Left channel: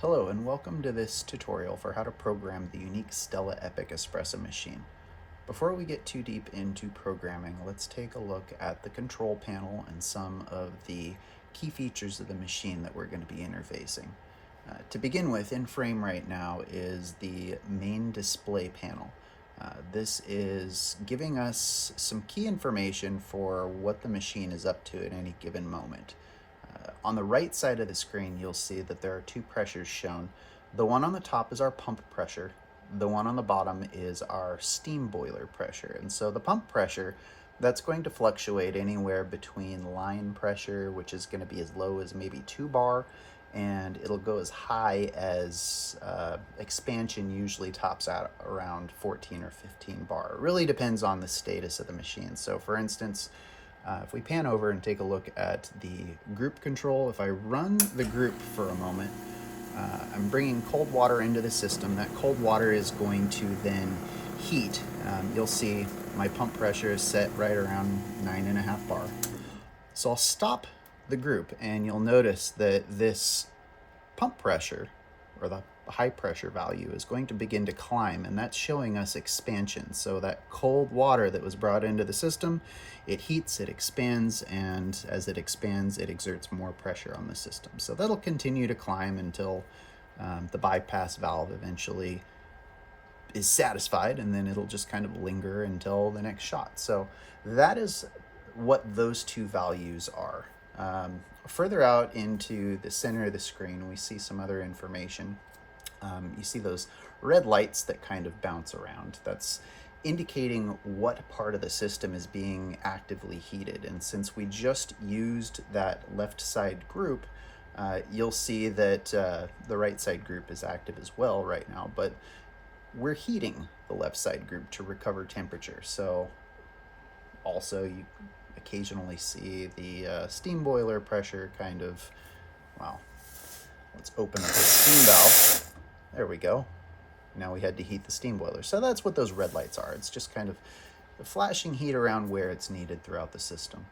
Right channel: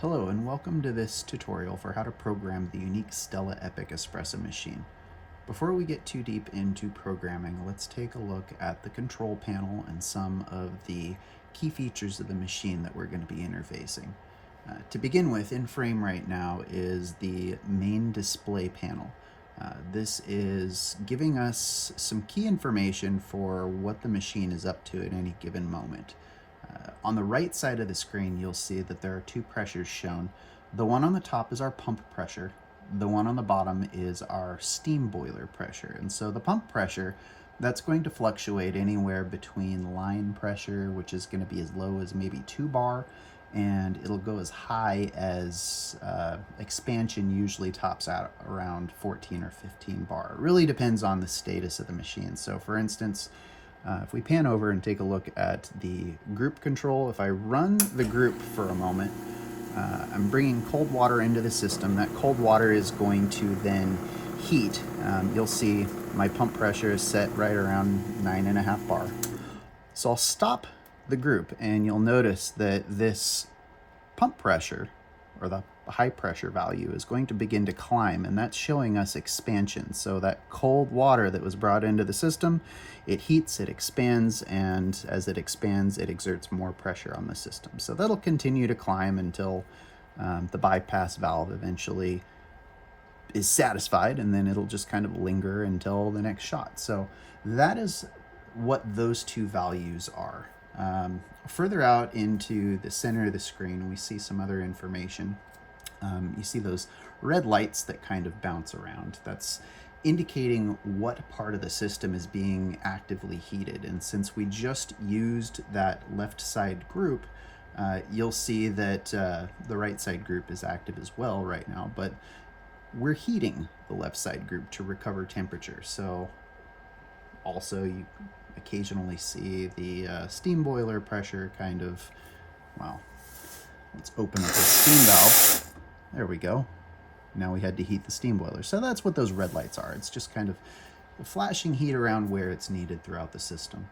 Hello and welcome to this tutorial for how to program the Unic Stella Epic Espresso machine. Before we get too deep into programming, let's take a look at the control panel and some of the key features of the machine that we're going to be interfacing. To begin with, in frame right now is the main display panel. This is giving us some key information for what the machine is up to at any given moment. On the right side of the screen, you'll see that there are two pressures shown. The one on the top is our pump pressure. The one on the bottom is our steam boiler pressure. And so the pump pressure, that's going to fluctuate anywhere between line pressure, which is going to be as low as maybe 2 bar, and it'll go as high as expansion usually tops out around 14 or 15 bar. It really depends on the status of the machine. So for instance, if we pan over and take a look at the group control, if I run the group for a moment, I'm bringing cold water into the system. That cold water is going to then heat. You'll see my pump pressure is set right around 9.5 bar. So I'll stop the group and you'll notice that this pump pressure, or the high pressure value, is going to begin to climb, and that's showing us expansion. So that cold water that was brought into the system, it heats, it expands, and as it expands, it exerts more pressure on the system. So that'll continue to climb until the bypass valve eventually is satisfied, and then it'll just kind of linger until the next shot. So that is what those two values are. Further out into the center of the screen, we see some other information. You see those red lights that kind of bounce around. That's indicating what part of the system is being actively heated. And since we just used that left side group, you'll see that the right side group is active as well right now, but we're heating the left side group to recover temperature. So also you occasionally see the steam boiler pressure kind of, well, let's open up the steam valve. There we go. Now we had to heat the steam boiler. So that's what those red lights are. It's just kind of flashing heat around where it's needed throughout the system.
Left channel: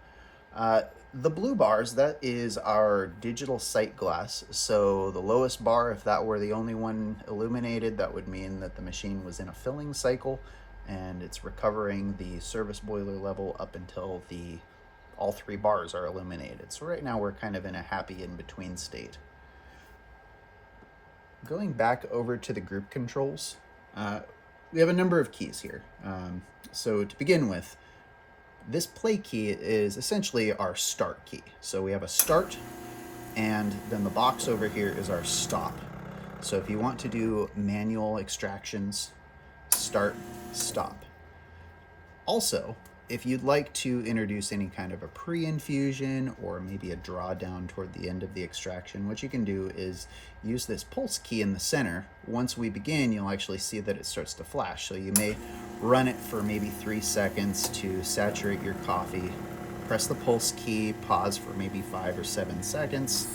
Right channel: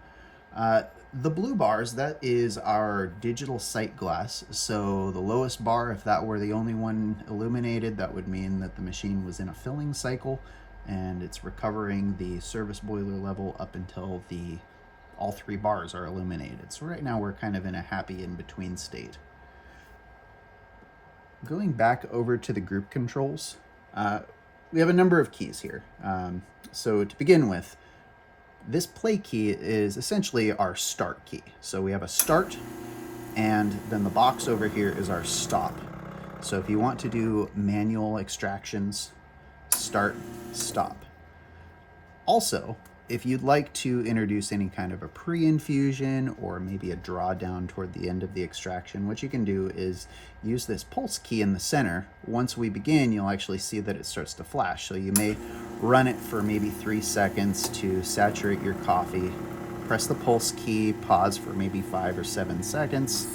The blue bars, that is our digital sight glass. So the lowest bar, if that were the only one illuminated, that would mean that the machine was in a filling cycle and it's recovering the service boiler level up until all 3 bars are illuminated. So right now we're kind of in a happy in-between state. Going back over to the group controls, we have a number of keys here. So to begin with, this play key is essentially our start key. So we have a start, and then the box over here is our stop. So if you want to do manual extractions, start, stop. Also, if you'd like to introduce any kind of a pre-infusion or maybe a drawdown toward the end of the extraction, what you can do is use this pulse key in the center. Once we begin, you'll actually see that it starts to flash. So you may run it for maybe 3 seconds to saturate your coffee. Press the pulse key, pause for maybe 5 or 7 seconds,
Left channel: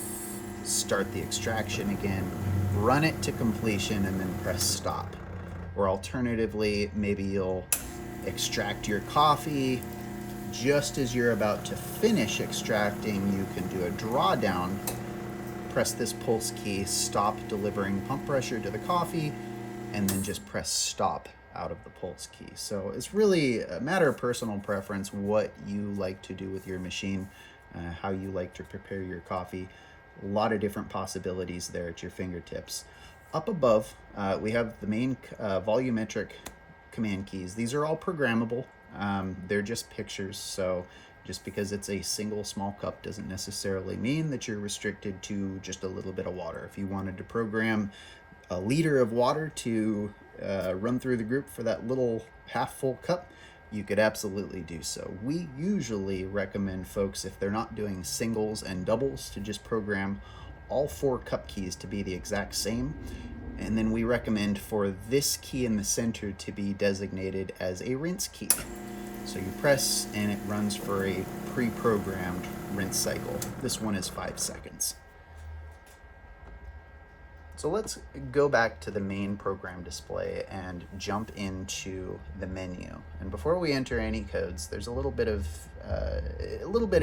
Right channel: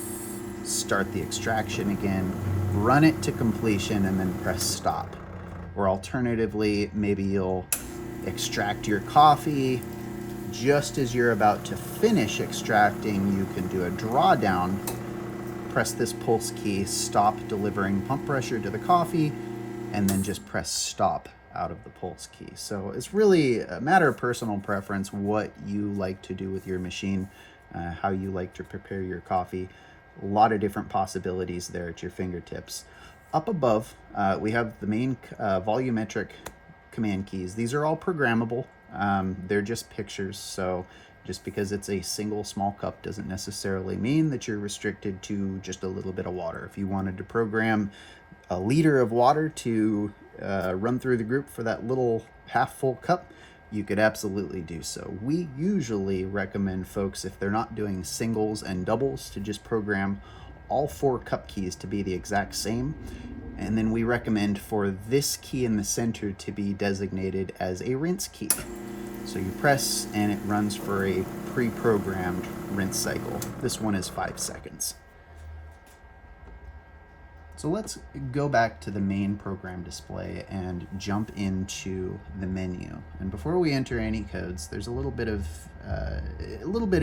start the extraction again, run it to completion, and then press stop. Or alternatively, maybe you'll extract your coffee. Just as you're about to finish extracting, you can do a drawdown. Press this pulse key, stop delivering pump pressure to the coffee, and then just press stop out of the pulse key. So it's really a matter of personal preference what you like to do with your machine, how you like to prepare your coffee. A lot of different possibilities there at your fingertips. Up above, we have the main volumetric command keys. These are all programmable. They're just pictures, so just because it's a single small cup doesn't necessarily mean that you're restricted to just a little bit of water. If you wanted to program a liter of water to run through the group for that little half full cup, you could absolutely do so. We usually recommend folks, if they're not doing singles and doubles, to just program all 4 cup keys to be the exact same. And then we recommend for this key in the center to be designated as a rinse key. So you press and it runs for a pre-programmed rinse cycle. This one is 5 seconds. So let's go back to the main program display and jump into the menu. And before we enter any codes, there's a little bit of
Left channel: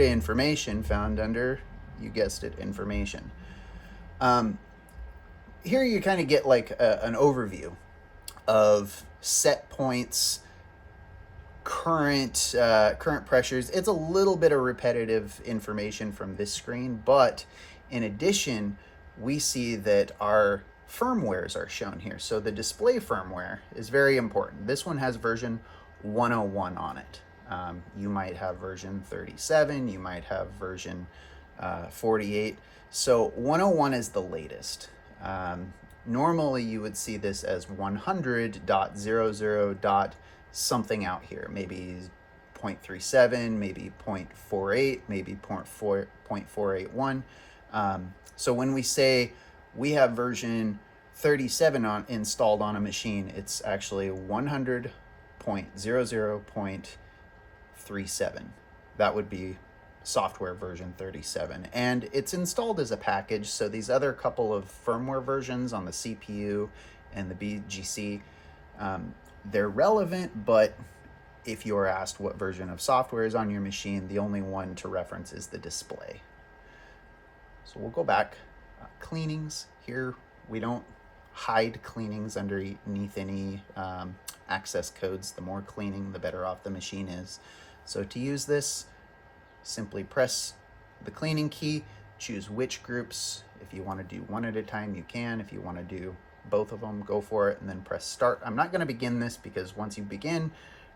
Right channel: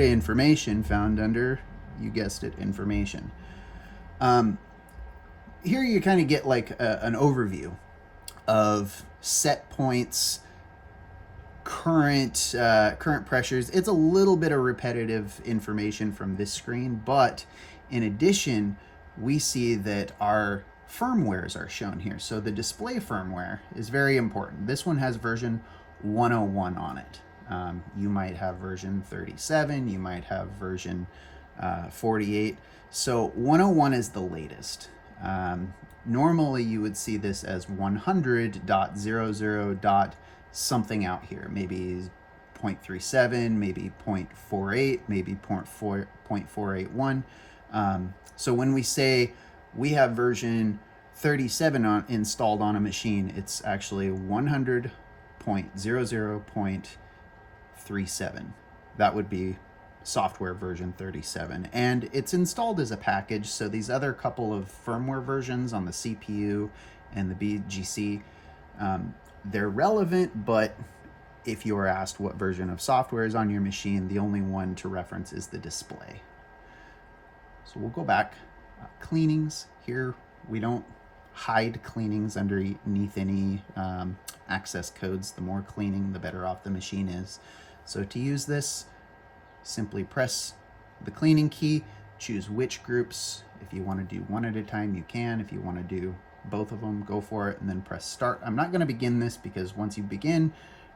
information found under, you guessed it, information. here you kind of get like an overview of set points, current pressures. It's a little bit of repetitive information from this screen, but in addition, we see that our firmwares are shown here. So the display firmware is very important. This one has version 101 on it. You might have version 37, you might have version 48. So 101 is the latest. Normally you would see this as 100.00. something out here, maybe 0.37, maybe 0.48, maybe 0.481. So when we say we have version 37 installed on a machine, it's actually 100.00.37. That would be software version 37, and it's installed as a package. So these other couple of firmware versions on the CPU and the BGC, they're relevant, but if you are asked what version of software is on your machine, the only one to reference is the display. So we'll go back. Cleanings, here we don't hide cleanings underneath any access codes. The more cleaning, the better off the machine is. So to use this, simply press the cleaning key, choose which groups. If you want to do one at a time, you can. If you want to do both of them, go for it, and then press start. I'm not going to begin this because once you begin,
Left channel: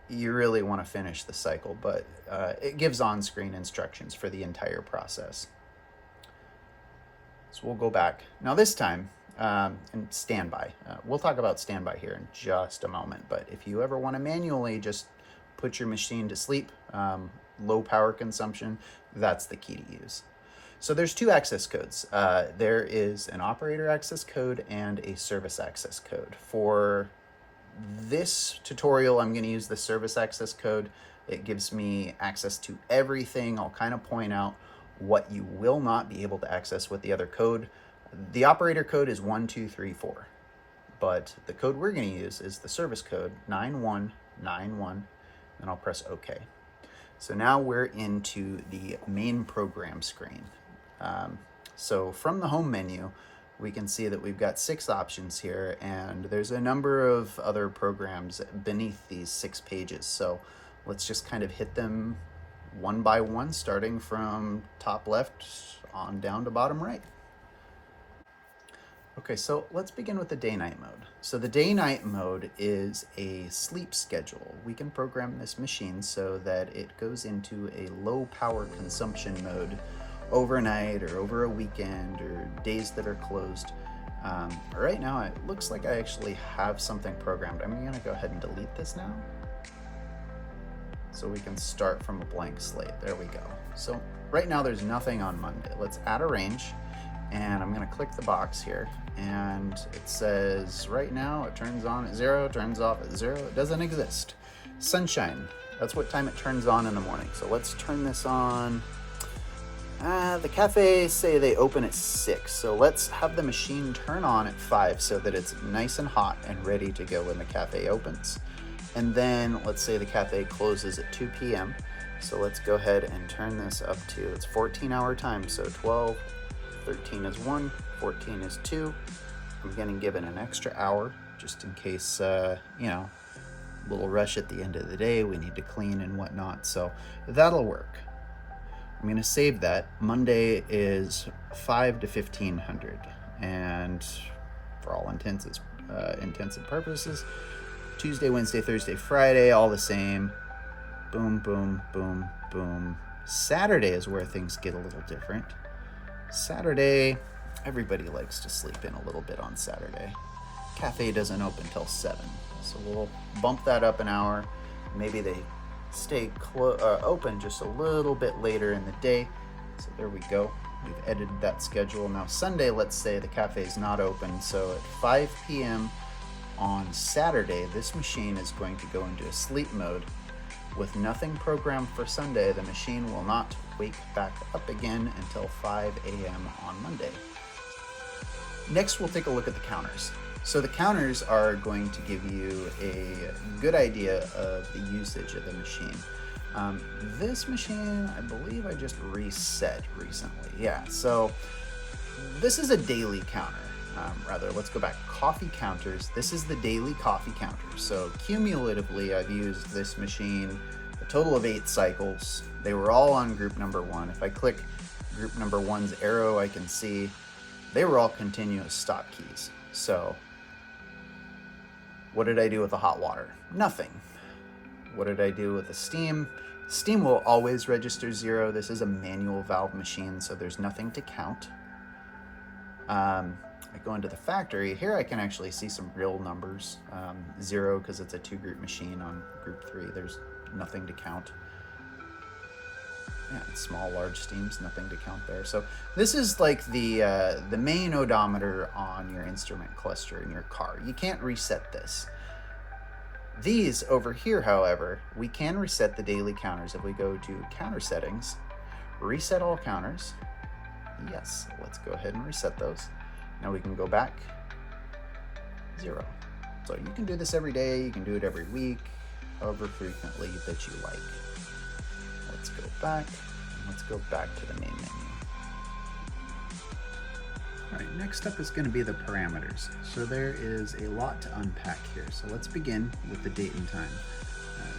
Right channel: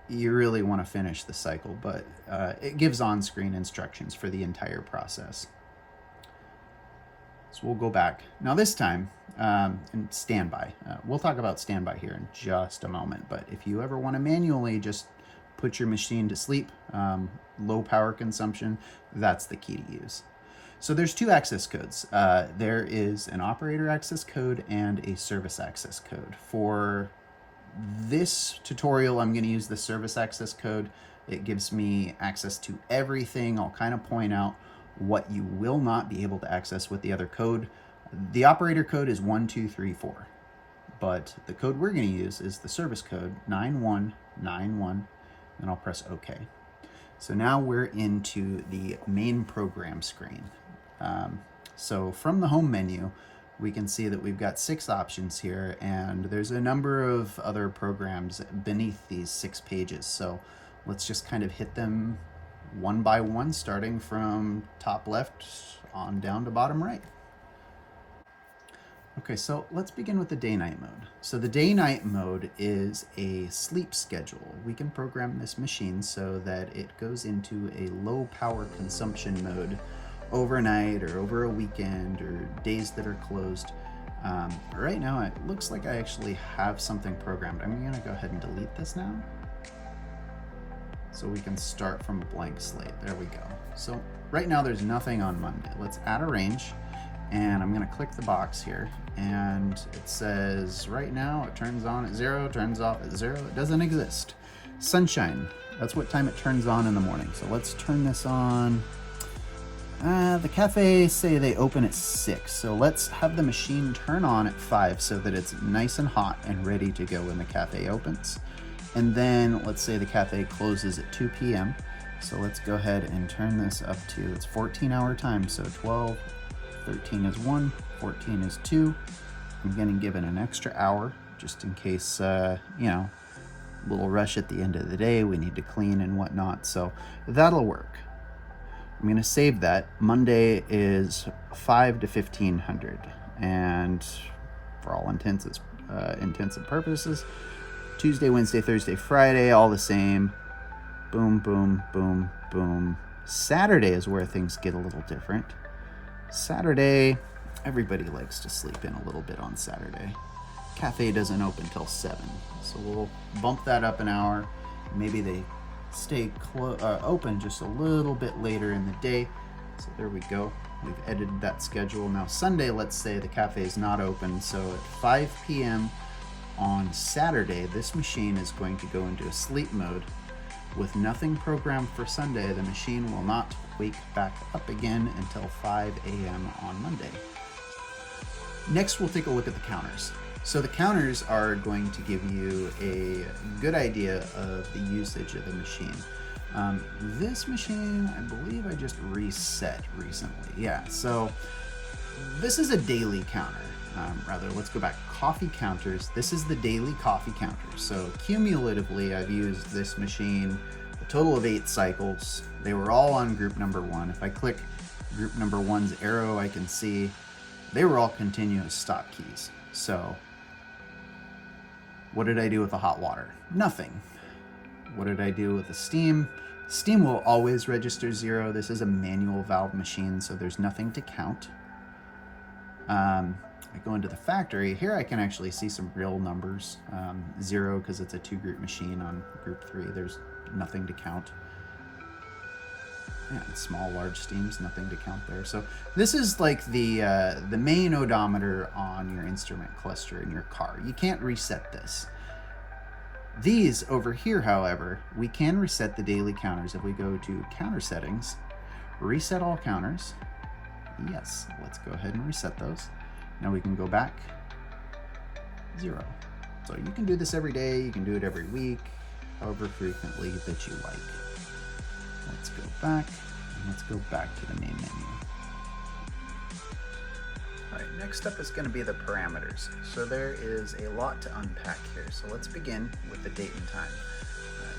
you really want to finish the cycle, but it gives on-screen instructions for the entire process. So we'll go back. Now this time, and standby. We'll talk about standby here in just a moment, but if you ever want to manually just put your machine to sleep, low power consumption, that's the key to use. So there's two access codes. There is an operator access code and a service access code. For this tutorial, I'm going to use the service access code. It gives me access to everything. I'll kind of point out what you will not be able to access with the other code. The operator code is 1234, but the code we're going to use is the service code 9191, and I'll press OK. So now we're into the main program screen. So from the home menu, we can see that we've got 6 options here, and there's a number of other programs beneath these 6 pages. So let's just kind of hit them one by one, starting from top left on down to bottom right. Okay, so let's begin with the day-night mode. So the day-night mode is a sleep schedule. We can program this machine so that it goes into a low power consumption mode overnight or over a weekend or days that are closed. Right now it looks like I actually have something programmed. I'm going to go ahead and delete this now so we can start from a blank slate. There we go. So right now there's nothing on Monday. Let's add a range, and I'm going to click the box here, and it says right now it turns on at 0, turns off at 0. It doesn't exist. Sunshine, that's what time it turns on in the morning. So let's turn this on. The cafes say they open at 6, so let's have the machine turn on at 5 so that it's nice and hot and ready to go when the cafe opens. And then let's say the cafe closes at 2 p.m. So let's go ahead and turn this up to, it's 14-hour time, so 12, 13 is 1, 14 is 2. I'm going to give it an extra hour just in case, you know, a little rush at the end of the day, we need to clean and whatnot, so that'll work. I'm going to save that. Monday is 5 to 1500, and for all intents and purposes, Tuesday, Wednesday, Thursday, Friday, all the same. Boom, boom, boom, boom. Saturday is where things get a little different. Saturday, everybody likes to sleep in a little bit on Saturday. Cafe doesn't open till 7, so we'll bump that up an hour. Maybe they stay open just a little bit later in the day. So there we go. We've edited that schedule. Now Sunday, let's say the cafe is not open, so at 5 p.m. on Saturday, this machine is going to go into a sleep mode. With nothing programmed for Sunday, the machine will not wake back up again until 5 a.m. on Monday. Next, we'll take a look at the counters. So the counters are going to give you a good idea of the usage of the machine. This machine, I believe I just reset recently. Yeah, so this is a daily counter. rather, let's go back. Coffee counters. This is the daily coffee counter. So cumulatively, I've used this machine a total of 8 cycles. They were all on group number 1. If I click group number 1's arrow, I can see they were all continuous stop keys. So what did I do with the hot water? Nothing. What did I do with the steam? Steam will always register 0. This is a manual valve machine, so there's nothing to count. I go into the factory. Here I can actually see some real numbers. 0 because it's a 2-group machine. On group 3, there's nothing to count. And small, large steams, nothing to count there. So this is like the main odometer on your instrument cluster in your car. You can't reset this. These over here, however, we can reset the daily counters. If we go to counter settings, reset all counters. Yes, let's go ahead and reset those. Now we can go back 0. So you can do this every day, you can do it every week, however frequently that you like. Let's go back, and let's go back to the main menu. All right, next up is going to be the parameters. So there is a lot to unpack here. So let's begin with the date and time.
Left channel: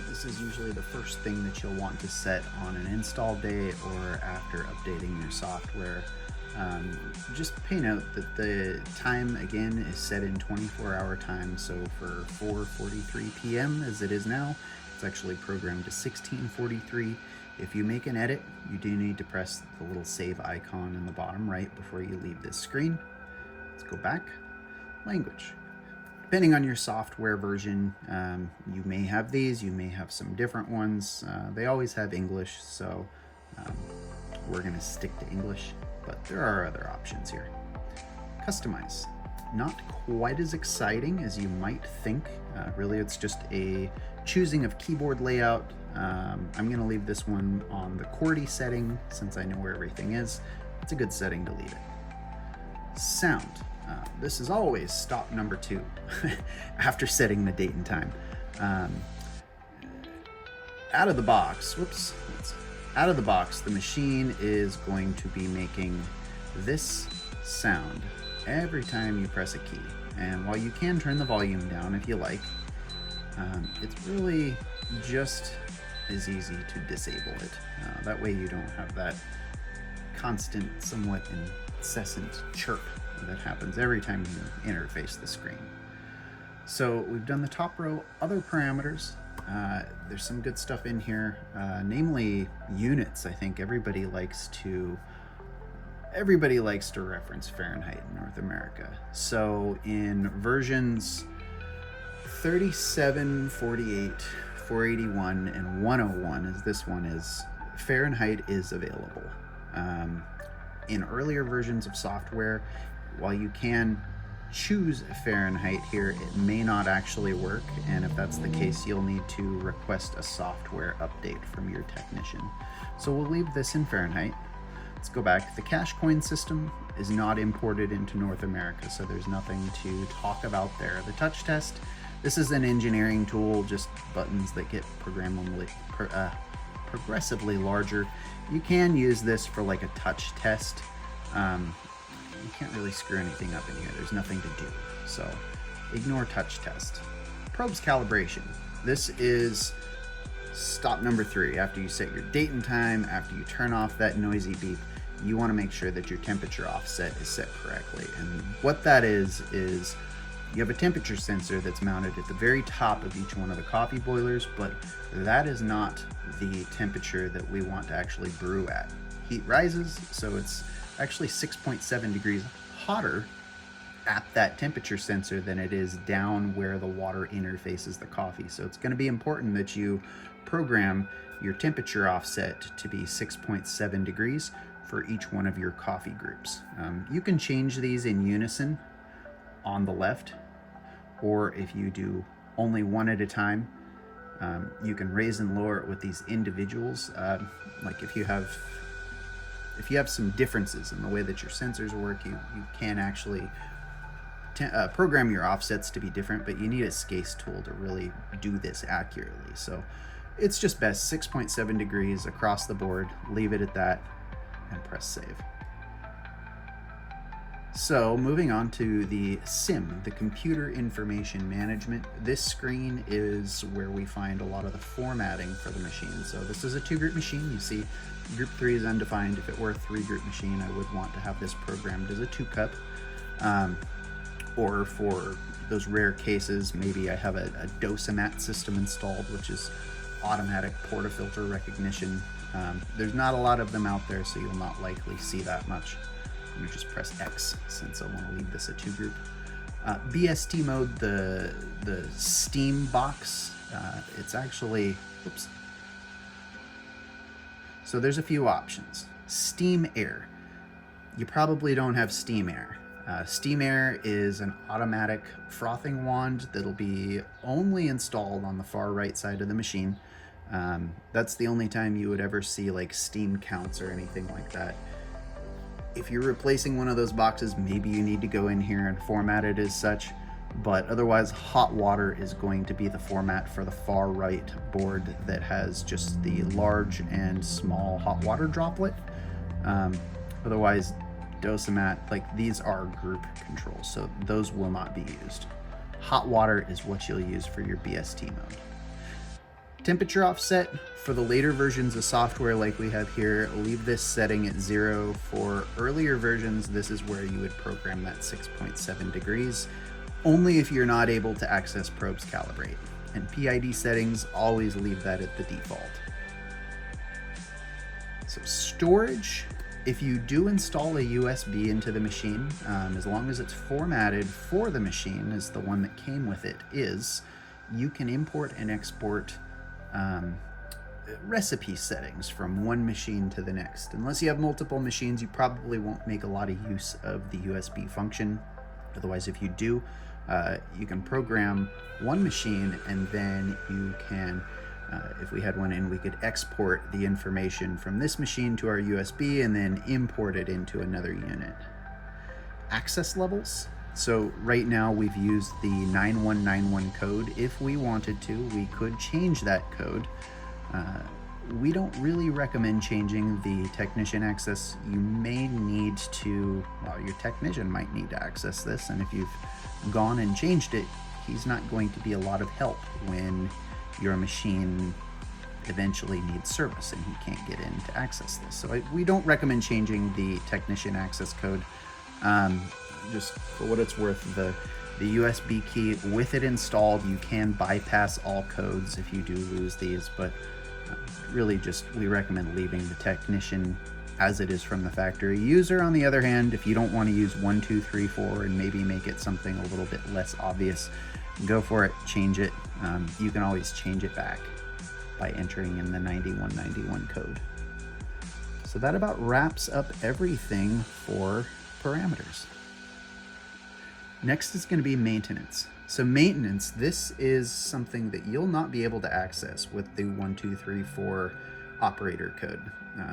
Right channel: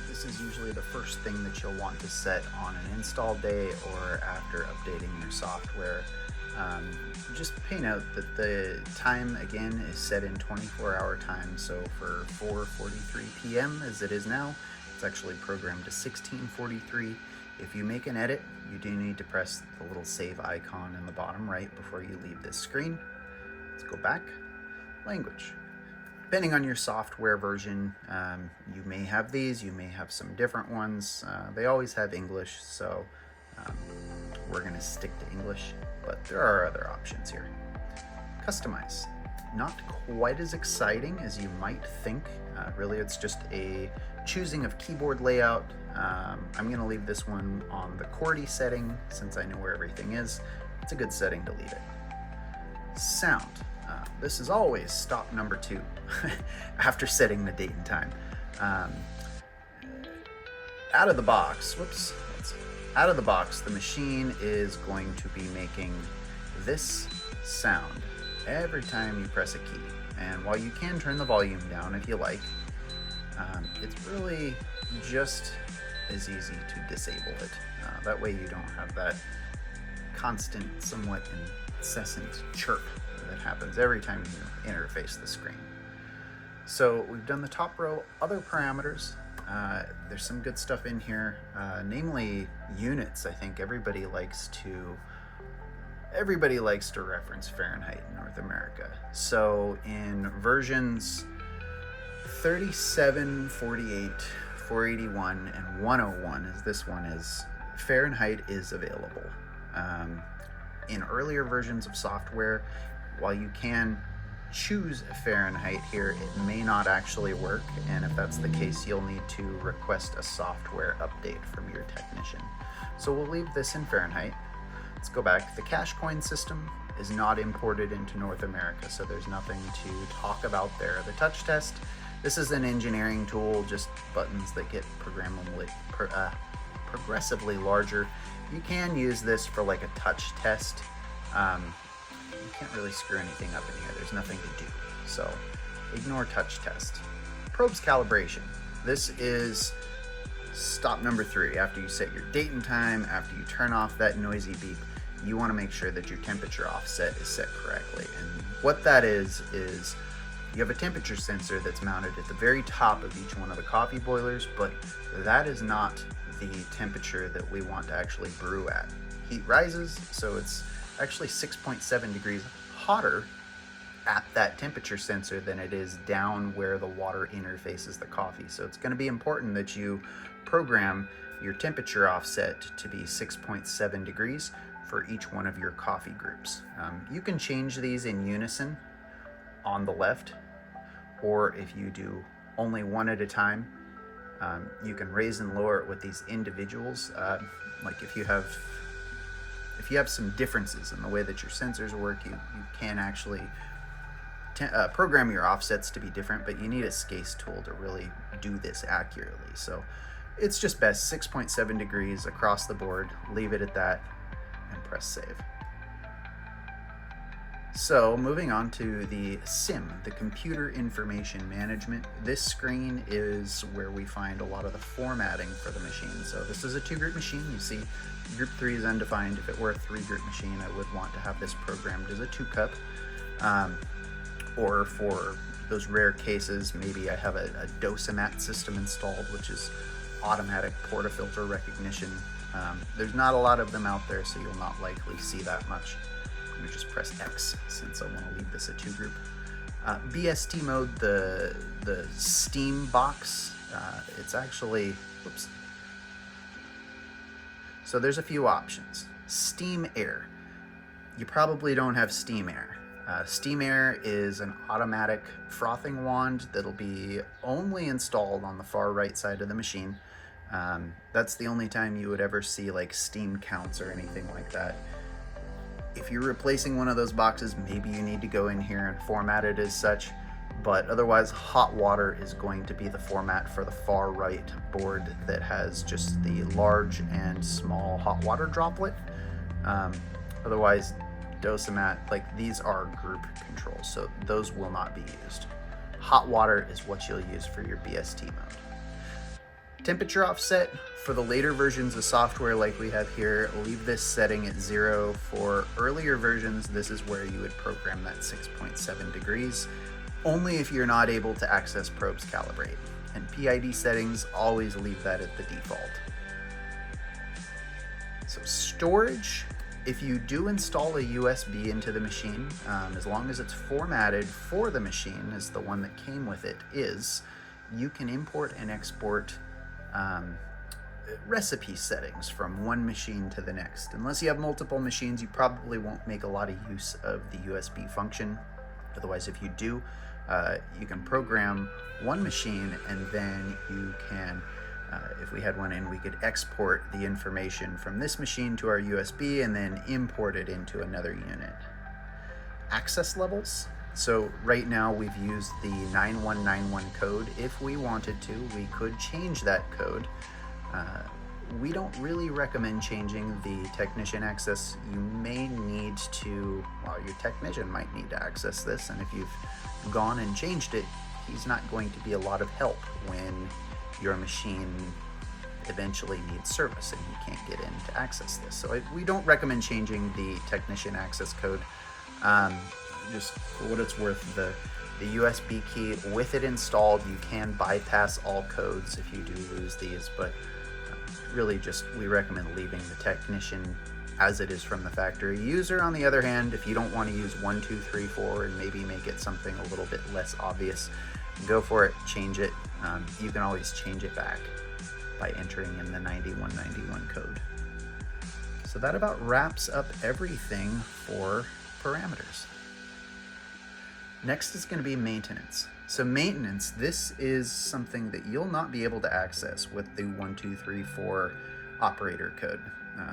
This is usually the first thing that you'll want to set on an install day or after updating your software. Just pay note that the time again is set in 24-hour time. So for 4:43 p.m. as it is now, it's actually programmed to 16:43. If you make an edit, you do need to press the little save icon in the bottom right before you leave this screen. Let's go back. Language. Depending on your software version, you may have these, you may have some different ones. They always have English, so we're going to stick to English, but there are other options here. Customize. Not quite as exciting as you might think. Really, it's just a choosing of keyboard layout. I'm going to leave this one on the QWERTY setting since I know where everything is. It's a good setting to leave it. Sound. This is always stop number 2 after setting the date and time. Out of the box, out of the box, the machine is going to be making this sound every time you press a key. And while you can turn the volume down if you like, it's really just as easy to disable it. That way you don't have that constant, somewhat incessant chirp that happens every time you interface the screen. So we've done the top row, other parameters. There's some good stuff in here, namely units. I think everybody likes to reference Fahrenheit in North America. So in versions 37, 48, 481, and 101, as this one is, Fahrenheit is available. In earlier versions of software, while you can choose Fahrenheit here, it may not actually work, and if that's the case, you'll need to request a software update from your technician. So we'll leave this in Fahrenheit. Let's go back. The cash coin system is not imported into North America, so there's nothing to talk about there. The touch test, this is an engineering tool, just buttons that get progressively larger. You can use this for like a touch test. You can't really screw anything up in here. There's nothing to do. So ignore touch test. Probes calibration. This is stop number 3. After you set your date and time, after you turn off that noisy beep, you want to make sure that your temperature offset is set correctly. And what that is you have a temperature sensor that's mounted at the very top of each one of the coffee boilers, but that is not the temperature that we want to actually brew at. Heat rises, so it's actually 6.7 degrees hotter at that temperature sensor than it is down where the water interfaces the coffee. So it's going to be important that you program your temperature offset to be 6.7 degrees for each one of your coffee groups. You can change these in unison on the left, or if you do only one at a time, you can raise and lower it with these individuals. Like if you have some differences in the way that your sensors work, you can actually program your offsets to be different, but you need a SCASE tool to really do this accurately. So it's just best 6.7 degrees across the board, leave it at that, and press save. So moving on to the SIM, the Computer Information Management. This screen is where we find a lot of the formatting for the machine. So this is a 2-group machine. You see group 3 is undefined. If it were a 3-group machine, I would want to have this programmed as a 2-cup. Or for those rare cases, maybe I have a Dosamat system installed, which is automatic portafilter recognition. There's not a lot of them out there, so you'll not likely see that much. I'm gonna just press X since I want to leave this a 2-group. BST mode, the steam box, it's actually, oops. So there's a few options. Steam air. You probably don't have steam air. Steam air is an automatic frothing wand that'll be only installed on the far right side of the machine. That's the only time you would ever see like steam counts or anything like that. If you're replacing one of those boxes, maybe you need to go in here and format it as such, but otherwise hot water is going to be the format for the far right board that has just the large and small hot water droplet. Otherwise, Dosamat, like these are group controls, so those will not be used. Hot water is what you'll use for your BST mode. Temperature offset, for the later versions of software like we have here, leave this setting at 0. For earlier versions, this is where you would program that 6.7 degrees, only if you're not able to access probes Calibrate. And PID settings, always leave that at the default. So storage, if you do install a USB into the machine, as long as it's formatted for the machine as the one that came with it is, you can import and export recipe settings from one machine to the next. Unless you have multiple machines, you probably won't make a lot of use of the USB function. Otherwise, if you do, you can program one machine and then you can, if we had one in, we could export the information from this machine to our USB and then import it into another unit. Access levels. So right now we've used the 9191 code. If we wanted to, we could change that code. We don't really recommend changing the technician access. You may need to, well, your technician might need to access this, and if you've gone and changed it, he's not going to be a lot of help when your machine eventually needs service and he can't get in to access this. So we don't recommend changing the technician access code. Just for what it's worth, the USB key, with it installed, you can bypass all codes if you do lose these, but really just we recommend leaving the technician as it is from the factory. User, on the other hand, if you don't want to use 1, 2, 3, 4 and maybe make it something a little bit less obvious, go for it, change it. You can always change it back by entering in the 9191 code. So that about wraps up everything for parameters. Next is going to be maintenance. So maintenance, this is something that you'll not be able to access with the 1, 2, 3, 4 operator code.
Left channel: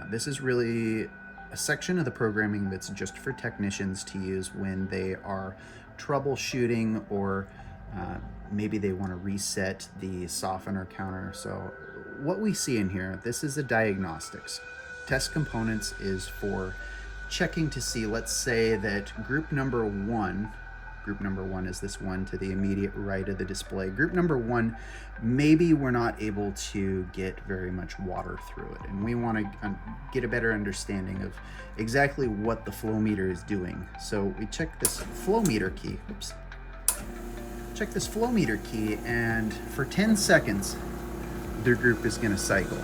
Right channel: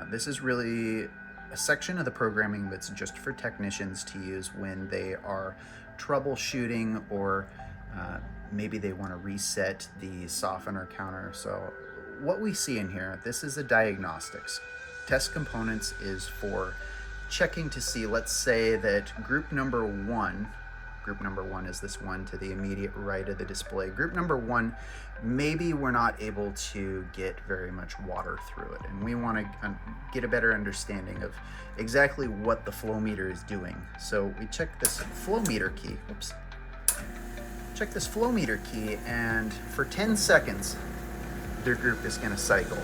This is really a section of the programming that's just for technicians to use when they are troubleshooting or maybe they want to reset the softener counter. So what we see in here, this is a diagnostics. Test components is for checking to see, let's say that group number one is this one to the immediate right of the display. Group number 1, maybe we're not able to get very much water through it, and we want to get a better understanding of exactly what the flow meter is doing. So we check this flow meter key, check this flow meter key, and for 10 seconds, their group is going to cycle.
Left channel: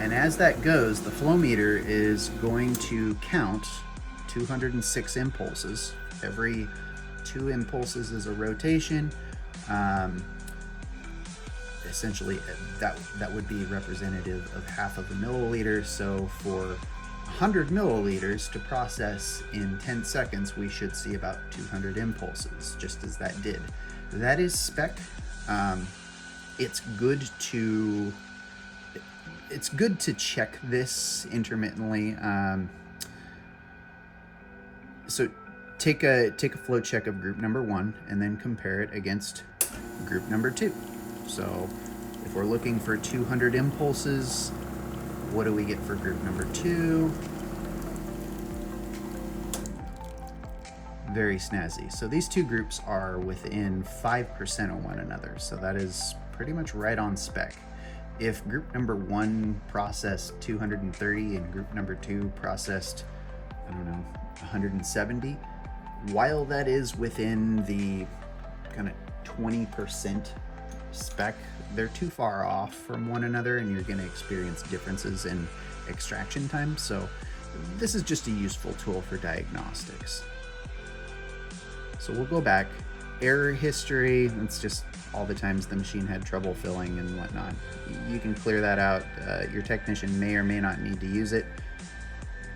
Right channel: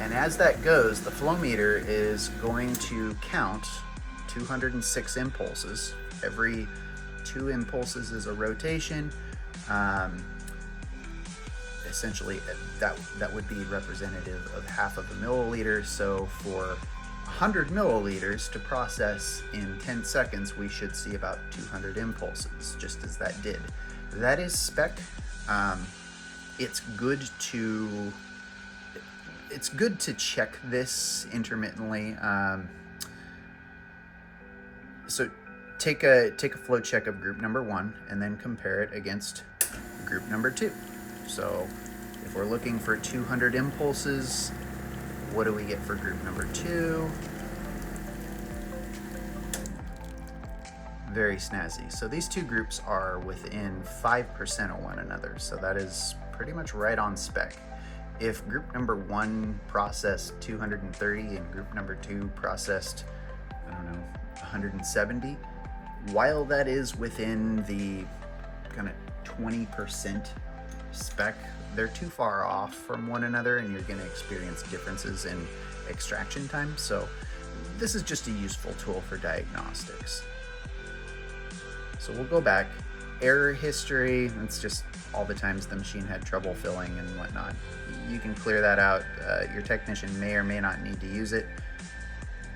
And as that goes, the flow meter is going to count 206 impulses. Every 2 impulses is a rotation. Essentially, that would be representative of half of a milliliter. So for 100 milliliters to process in 10 seconds, we should see about 200 impulses, just as that did. That is spec. It's good to check this intermittently. So take a flow check of group number 1 and then compare it against group number 2. So if we're looking for 200 impulses, what do we get for group number 2? very snazzy. So these two groups are within 5% of one another, so that is pretty much right on spec. If group number 1 processed 230 and group number 2 processed, I don't know, 170, while that is within the kind of 20% spec, they're too far off from one another and you're going to experience differences in extraction time. So this is just a useful tool for diagnostics. So we'll go back. Error history, that's just all the times the machine had trouble filling and whatnot. You can clear that out. Your technician may or may not need to use it.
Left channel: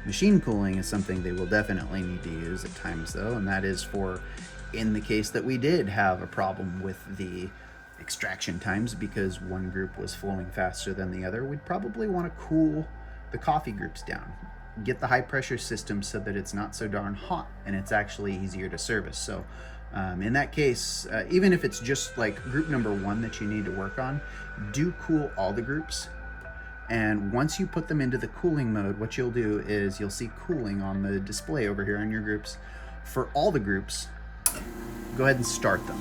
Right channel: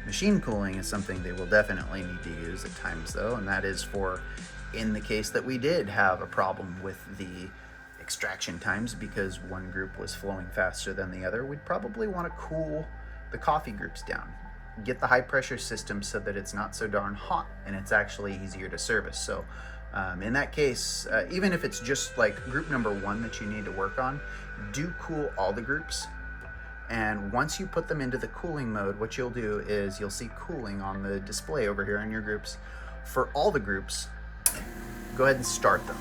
Machine cooling is something they will definitely need to use at times though, and that is for in the case that we did have a problem with the extraction times because one group was flowing faster than the other, we'd probably want to cool the coffee groups down. Get the high pressure system so that it's not so darn hot and it's actually easier to service. So in that case, even if it's just like group number 1 that you need to work on, do cool all the groups. And once you put them into the cooling mode, what you'll do is you'll see cooling on the display over here on your groups. For all the groups, go ahead and start them.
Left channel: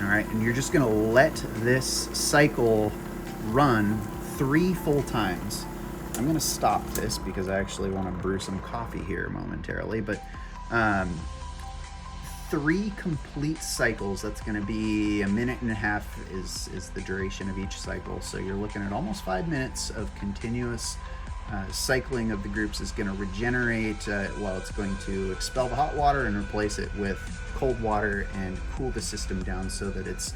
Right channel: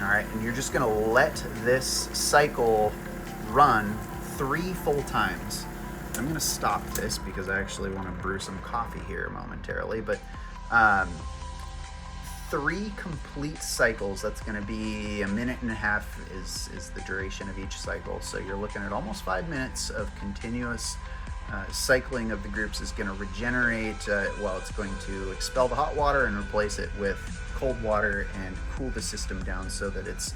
All right, and you're just gonna let this cycle run 3 full times. I'm gonna stop this because I actually wanna brew some coffee here momentarily, but 3 complete cycles, that's gonna be 1.5 minutes is the duration of each cycle. So you're looking at almost 5 minutes of continuous cycling of the groups is gonna regenerate, it's going to expel the hot water and replace it with cold water and cool the system down so that it's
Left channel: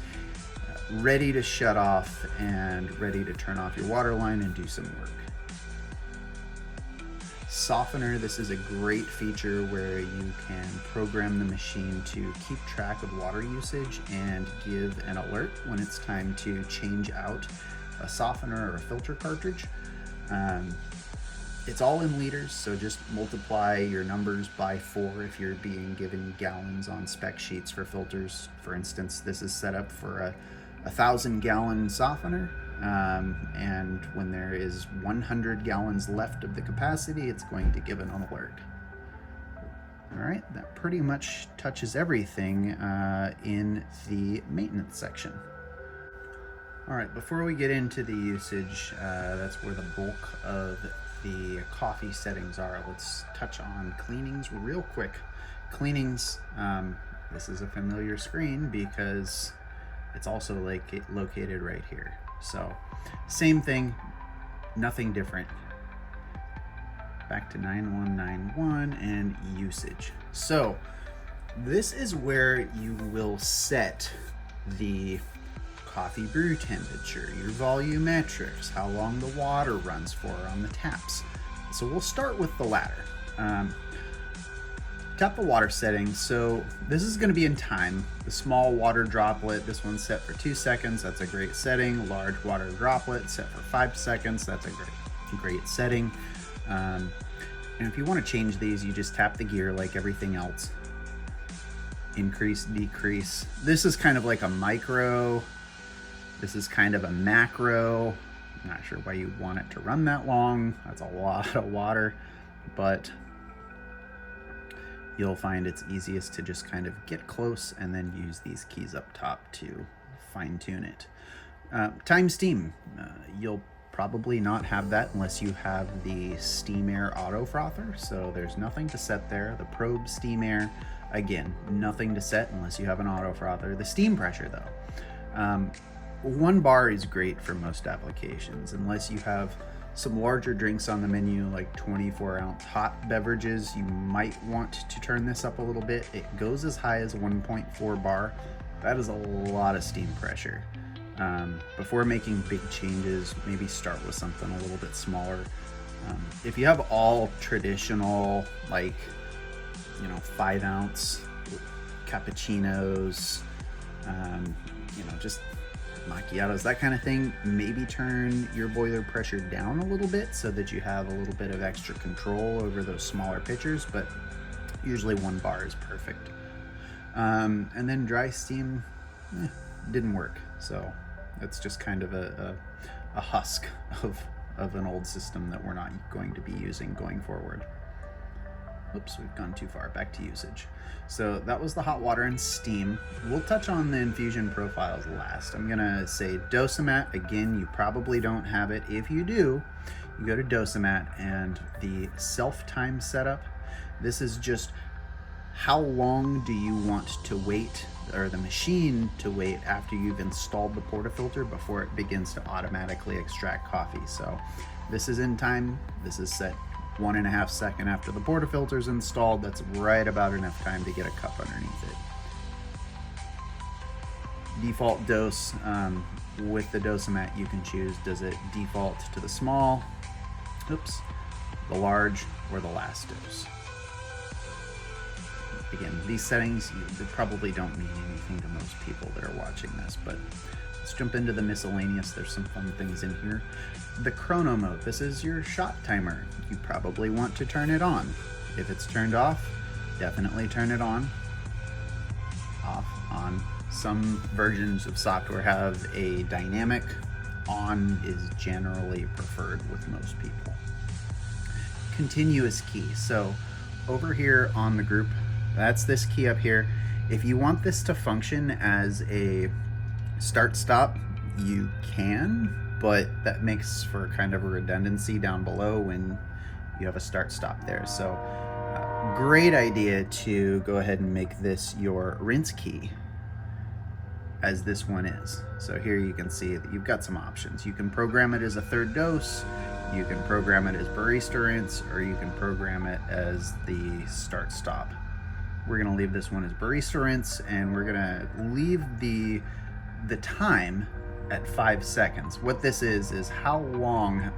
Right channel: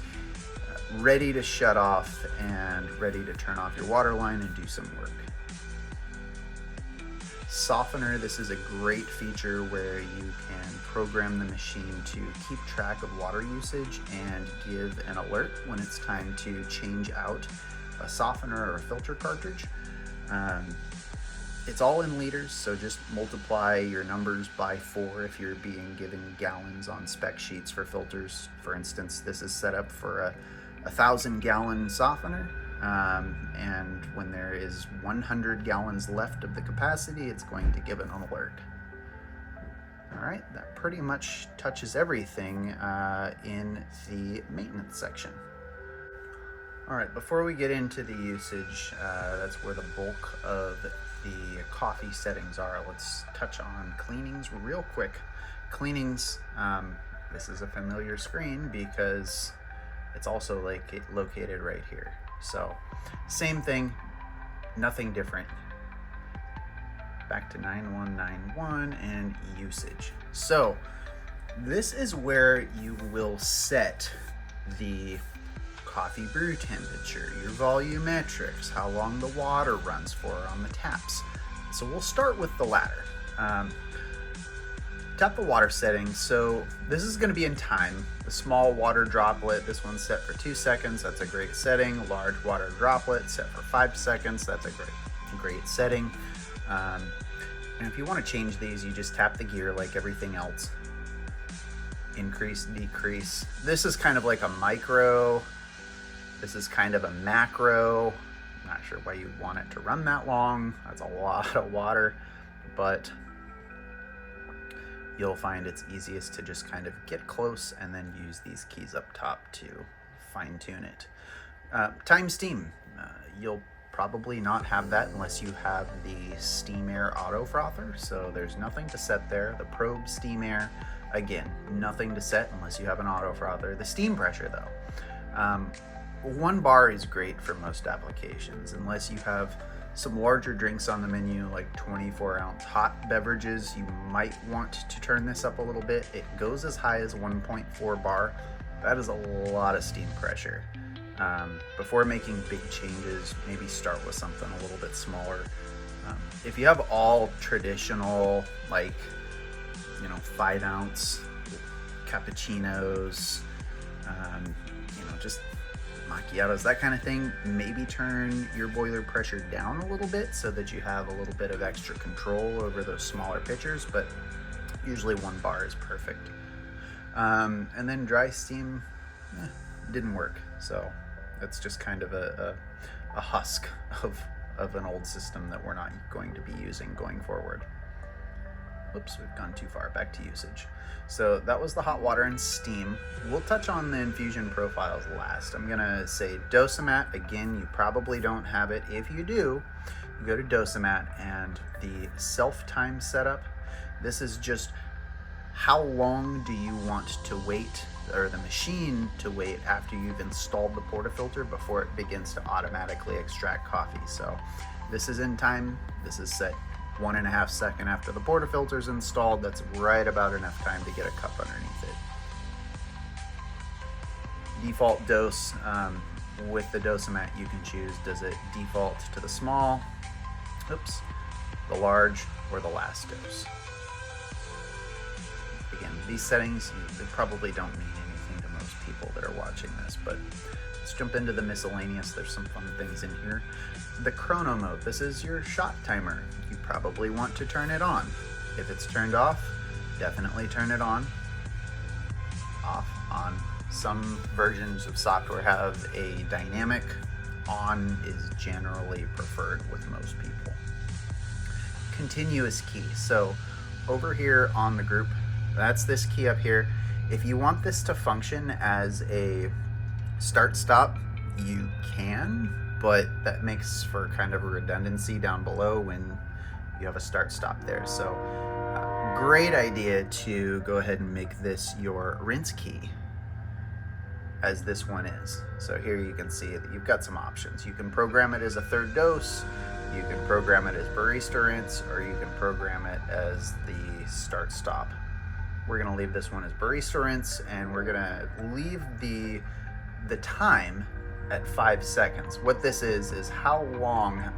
ready to shut off and ready to turn off your water line and do some work. Softener, this is a great feature where you can program the machine to keep track of water usage and give an alert when it's time to change out a softener or a filter cartridge. It's all in liters, so just multiply your numbers by 4 if you're being given gallons on spec sheets for filters. For instance, this is set up for a 1,000-gallon softener, and when there is 100 gallons left of the capacity, it's going to give an alert. All right, that pretty much touches everything in the maintenance section. All right, before we get into the usage, that's where the bulk of the coffee settings are. Let's touch on cleanings real quick. Cleanings, this is a familiar screen because it's also located right here. So same thing, nothing different. Back to 9191 and usage. So this is where you will set the coffee brew temperature, your volumetrics, how long the water runs for on the taps. So we'll start with the latter. Tap the water settings. So this is going to be in time. The small water droplet, this one's set for 2 seconds. That's a great setting. Large water droplet set for 5 seconds. That's a great setting. And if you want to change these, you just tap the gear like everything else. Increase, decrease. This is kind of like a micro. This is kind of a macro. I'm not sure why you want it to run that long. That's a lot of water, but you'll find it's easiest to just kind of get close and then use these keys up top to fine tune it. Time steam, you'll probably not have that unless you have the steam air auto frother, so there's nothing to set there. The probe steam air, again, nothing to set unless you have an auto frother. The steam pressure though, 1 bar is great for most applications unless you have some larger drinks on the menu, like 24-ounce hot beverages. You might want to turn this up a little bit. It goes as high as 1.4 bar. That is a lot of steam pressure. Before making big changes, maybe start with something a little bit smaller. If you have all traditional, 5-ounce cappuccinos, just macchiatos, that kind of thing, maybe turn your boiler pressure down a little bit so that you have a little bit of extra control over those smaller pitchers, but usually 1 bar is perfect. And then dry steam didn't work, so that's just kind of a husk of an old system that we're not going to be using going forward. Oops, we've gone too far. Back to usage. So that was the hot water and steam. We'll touch on the infusion profiles last. I'm gonna say Dosamat. Again, you probably don't have it. If you do, you go to Dosamat and the self-time setup. This is just how long do you want to wait, or the machine to wait, after you've installed the portafilter before it begins to automatically extract coffee. So this is in time. This is set 1.5 seconds after the portafilter is installed. That's right about enough time to get a cup underneath it. Default dose, with the Dosamat you can choose, does it default to the small, oops, the large, or the last dose. Again, these settings, they probably don't mean anything to most people that are watching this, but let's jump into the miscellaneous. There's some fun things in here. The chrono mode, this is your shot timer. You probably want to turn it on. If it's turned off, definitely turn it on. Off, on. Some versions of software have a dynamic. On is generally preferred with most people. Continuous key. So over here on the group, that's this key up here. If you want this to function as a start-stop, you can, but that makes for kind of a redundancy down below when you have a start-stop there. So great idea to go ahead and make this your rinse key, as this one is. So here you can see that you've got some options. You can program it as a third dose, you can program it as barista rinse, or you can program it as the start-stop. We're gonna leave this one as barista rinse, and we're gonna leave the time at 5 seconds. What this is how long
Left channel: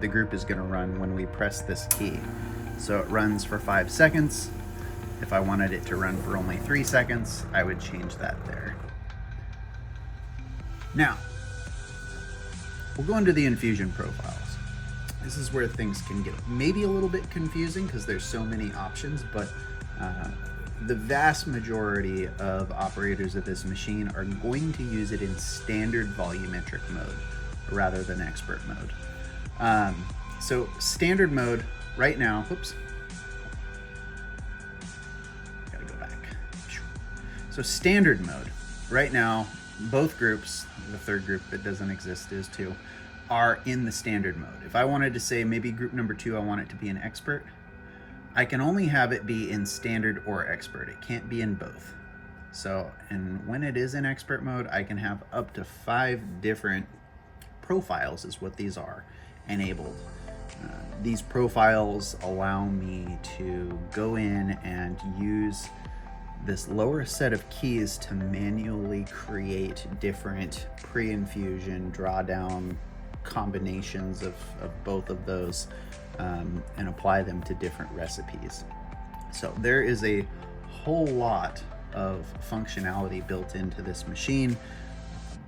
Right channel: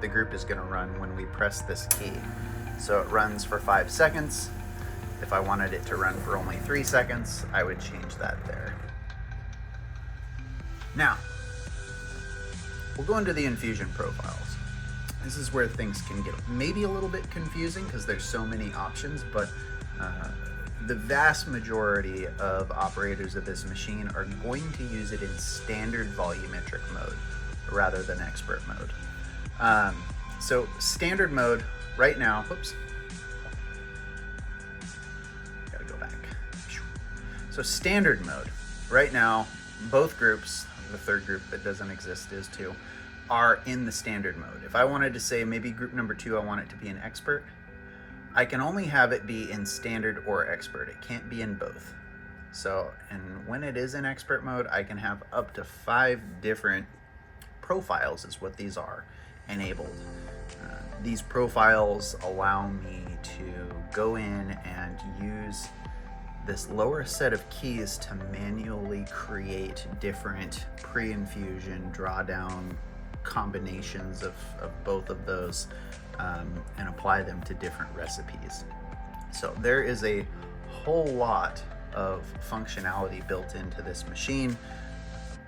the group is gonna run when we press this key. So it runs for 5 seconds. If I wanted it to run for only 3 seconds, I would change that there. Now, we'll go into the infusion profiles. This is where things can get maybe a little bit confusing because there's so many options, but the vast majority of operators of this machine are going to use it in standard volumetric mode rather than expert mode. So standard mode right now, whoops, gotta go back. So standard mode right now, both groups, the third group that doesn't exist is too, are in the standard mode. If I wanted to say maybe group number 2, I want it to be an expert, I can only have it be in standard or expert. It can't be in both. So, and when it is in expert mode, I can have up to 5 different profiles is what these are, enabled. These profiles allow me to go in and use this lower set of keys to manually create different pre-infusion, drawdown combinations of both of those, and apply them to different recipes. So there is a whole lot of functionality built into this machine,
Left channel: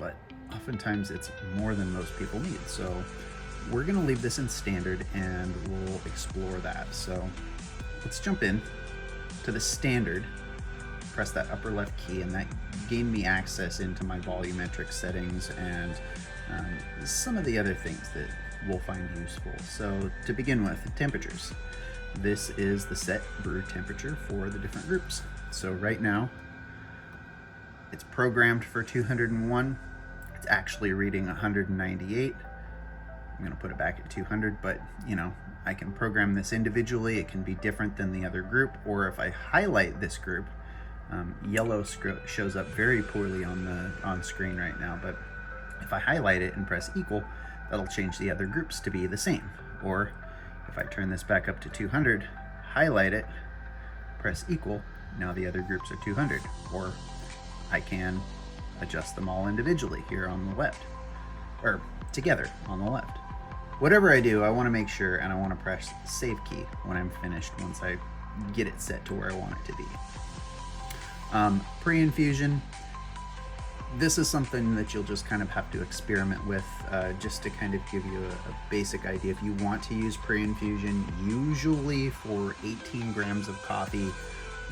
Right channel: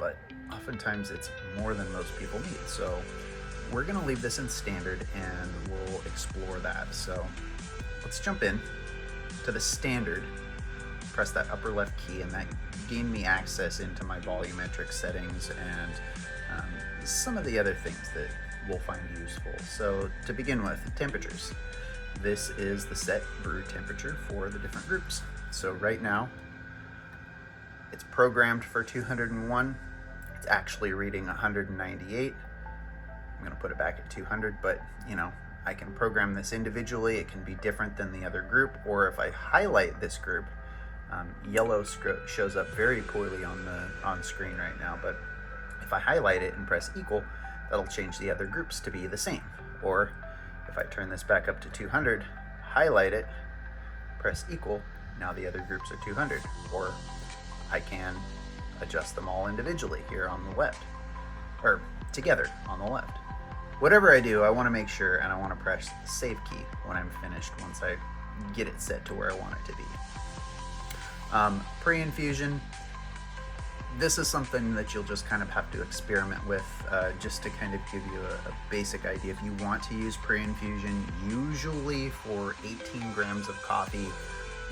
but oftentimes it's more than most people need. So we're gonna leave this in standard and we'll explore that. So let's jump in to the standard, press that upper left key, and that gained me access into my volumetric settings and some of the other things that we'll find useful. So to begin with, temperatures. This is the set brew temperature for the different groups. So right now, it's programmed for 201. It's actually reading 198. I'm gonna put it back at 200, but you know, I can program this individually. It can be different than the other group, or if I highlight this group, yellow script shows up very poorly on screen right now, but if I highlight it and press equal, that'll change the other groups to be the same. Or if I turn this back up to 200, highlight it, press equal, now the other groups are 200. Or I can adjust them all individually here on the left, or together on the left. Whatever I do, I want to make sure, and I want to press the save key when I'm finished once I get it set to where I want it to be. Pre-infusion. This is something that you'll just kind of have to experiment with, just to kind of give you a basic idea. If you want to use pre-infusion, usually for 18 grams of coffee,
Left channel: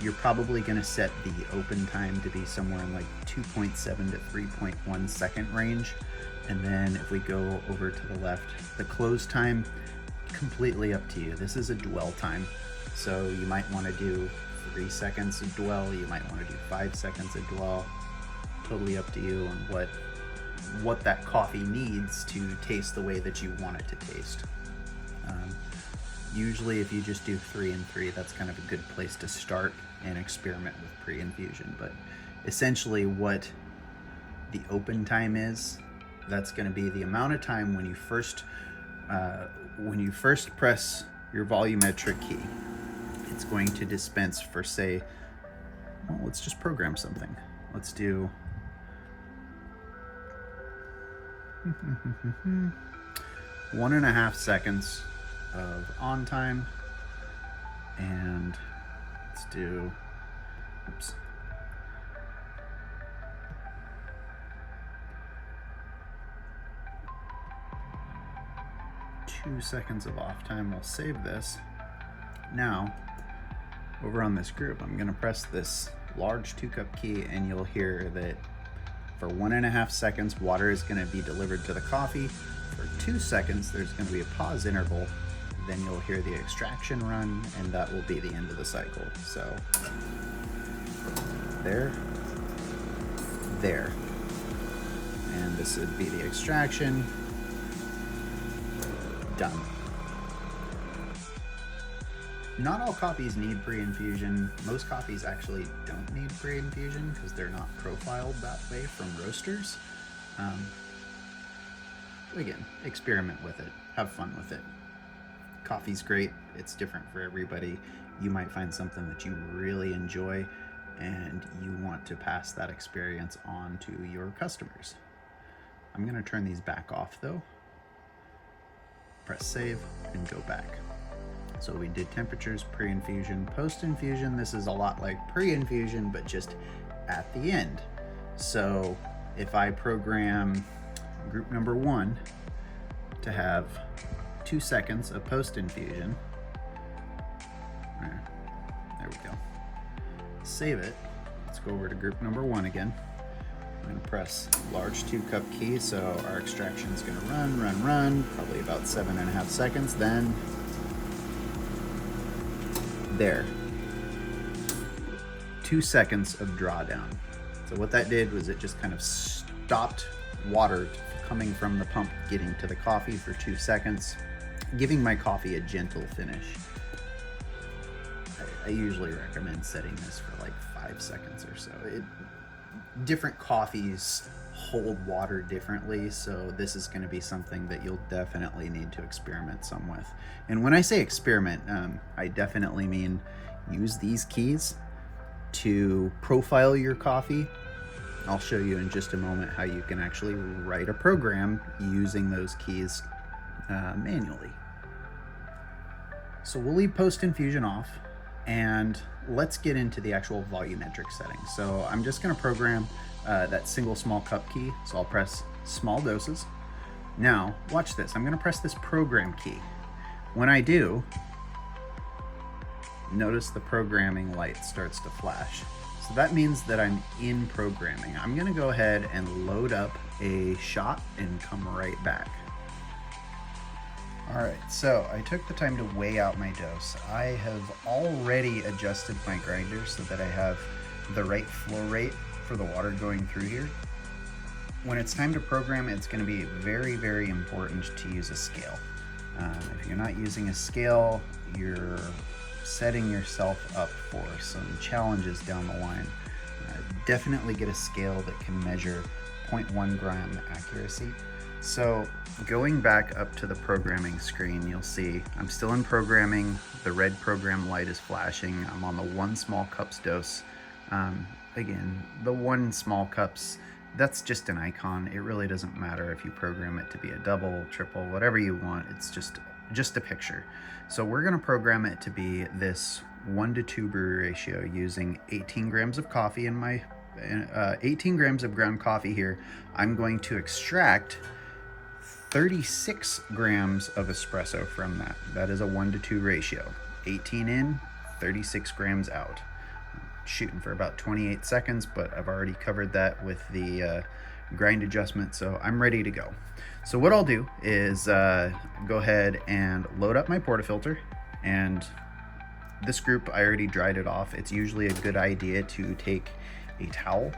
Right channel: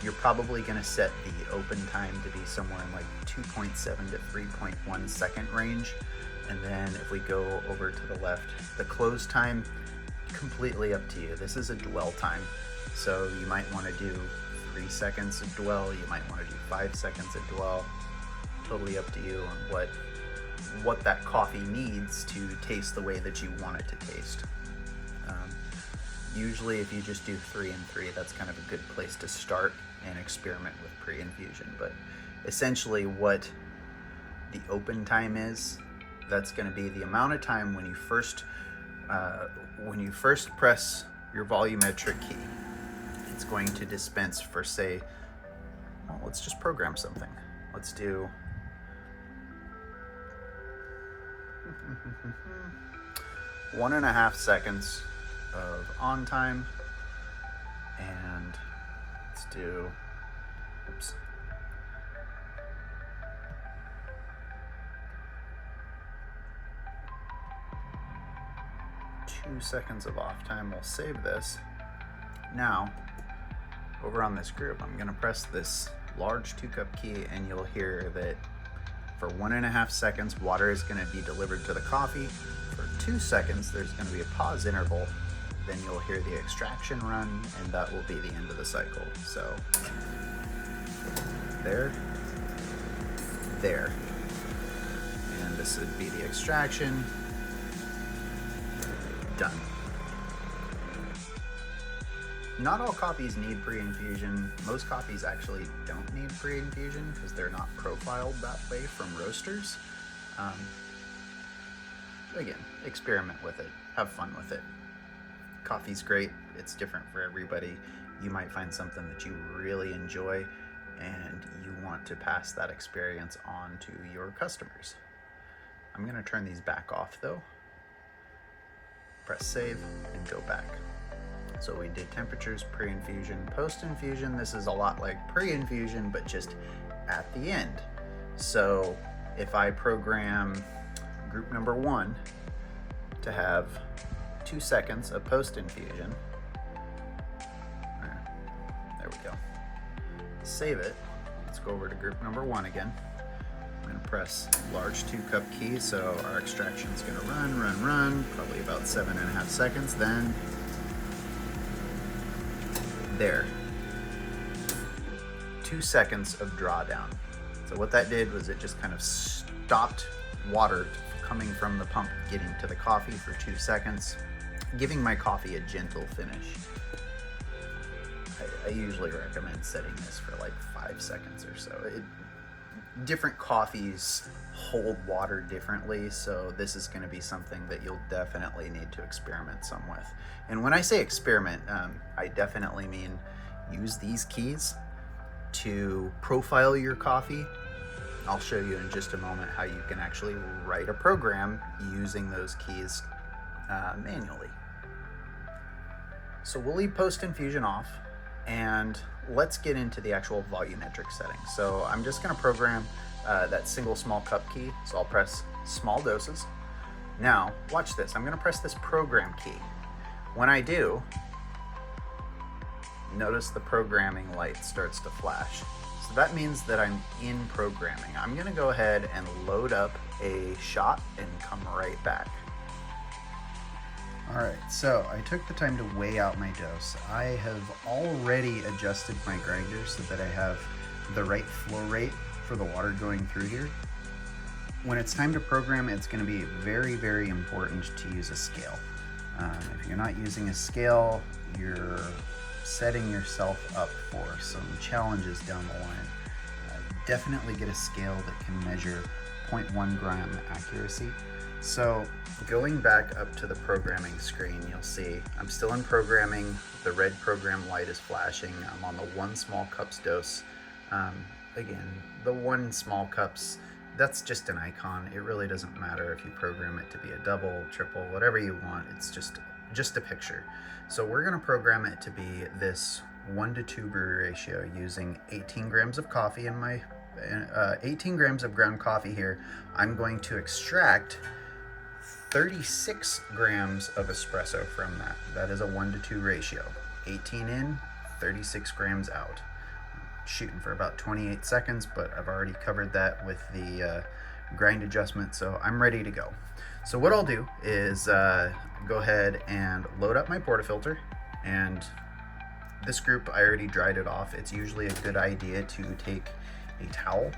you're probably going to set the open time to be somewhere in like 2.7 to 3.1 second range. And then if we go over to the left, the close time, completely up to you. This is a dwell time. So you might want to do 3 seconds of dwell, you might want to do 5 seconds of dwell. Totally up to you on what that coffee needs to taste the way that you want it to taste. Usually if you just do 3 and 3, that's kind of a good place to start and experiment with pre-infusion. But essentially what the open time is, that's going to be the amount of time when you first press your volumetric key. It's going to dispense for, say, well, let's just program something. Let's do 1.5 seconds of on time, and let's do, oops, 2 seconds of off time. We'll save this. Now, over on this group, I'm gonna press this large 2-cup key, and you'll hear that for 1.5 seconds, water is gonna be delivered to the coffee. For 2 seconds, there's gonna be a pause interval. Then you'll hear the extraction run, and that will be the end of the cycle. So, there, and this would be the extraction, done. Not all coffees need pre-infusion. Most coffees actually don't need pre-infusion because they're not profiled that way from roasters. Again, experiment with it, have fun with it. Coffee's great, it's different for everybody. You might find something that you really enjoy and you want to pass that experience on to your customers. I'm gonna turn these back off though. Press save and go back. So we did temperatures, pre-infusion, post-infusion. This is a lot like pre-infusion, but just at the end. So if I program group number 1 to have 2 seconds of post-infusion, there we go. Save it. Let's go over to group number 1 again. We're gonna press large 2-cup key, so our extraction is gonna run, probably about 7.5 seconds. Then there, 2 seconds of drawdown. So what that did was it just kind of stopped water coming from the pump getting to the coffee for 2 seconds, giving my coffee a gentle finish. I usually recommend setting this for like 5 seconds or so. Different coffees hold water differently, so this is going to be something that you'll definitely need to experiment some with. And when I say experiment, I definitely mean use these keys to profile your coffee. I'll show you in just a moment how you can actually write a program using those keys manually. So we'll leave post-infusion off, and let's get into the actual volumetric settings. So I'm just going to program that single small cup key. So I'll press small doses. Now watch this. I'm going to press this program key. When I do, notice the programming light starts to flash. So that means that I'm in programming. I'm going to go ahead and load up a shot and come right back. All right, so I took the time to weigh out my dose. I have already adjusted my grinder so that I have the right flow rate for the water going through here. When it's time to program, it's going to be very, very important to use a scale. If you're not using a scale, you're setting yourself up for some challenges down the line. Definitely get a scale that can measure 0.1 gram accuracy. So going back up to the programming screen, you'll see I'm still in programming. The red program light is flashing. I'm on the 1 small cups dose. Again, the 1 small cups, that's just an icon. It really doesn't matter if you program it to be a double, triple, whatever you want. It's just a picture. So we're gonna program it to be this 1-to-2 brew ratio using 18 grams of coffee in my 18 grams of ground coffee here. I'm going to extract 36 grams of espresso from that. That is a 1-to-2 ratio. 18 in, 36 grams out. I'm shooting for about 28 seconds, but I've already covered that with the grind adjustment, so I'm ready to go. So what I'll do is go ahead and load up my portafilter, and This group, I already dried it off. It's usually a good idea to take a towel